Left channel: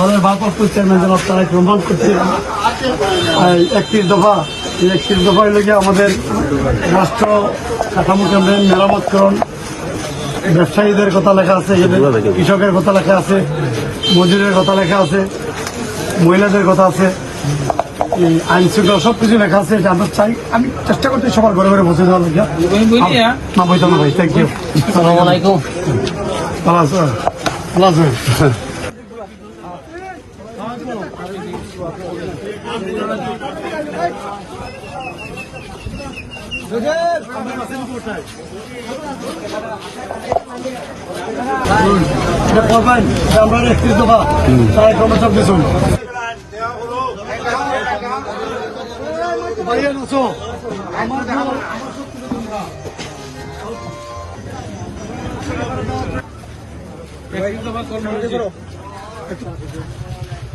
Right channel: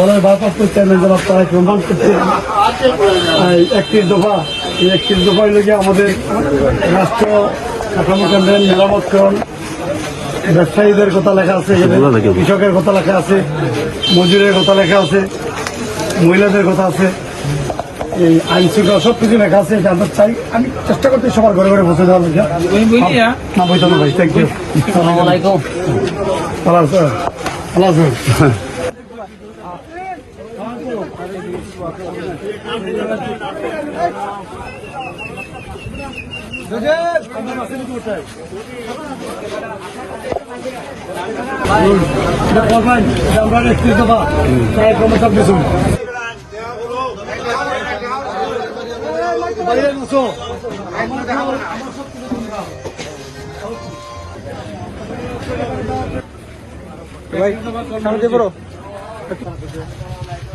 দলের ভারপ্রাপ্ত চেয়ারম্যান জনাব তারা একটু অনুভব দফা এই একত্রিশ দফায় লেগে আমাদের রাষ্ট্র কাঠামো মেরামতকরণ ব্যবসায়ীদের কথা লেখা আছে কৃষকের কথা লেখা আছে মজুরের কথা লেখা আছে মহিলাদের কথা আছে এই আইন শৃঙ্খলা সব কিছু লেখা আছে আমরা চাই আমি চেষ্টা করছি সবার ঘরে ঘরে বসে দেওয়ার লেখা ভাই থ্যাংক ইউ ভালো আছে ভালো আছে دوست عمر اسیں کتوتے پاون نمبر 30 دبا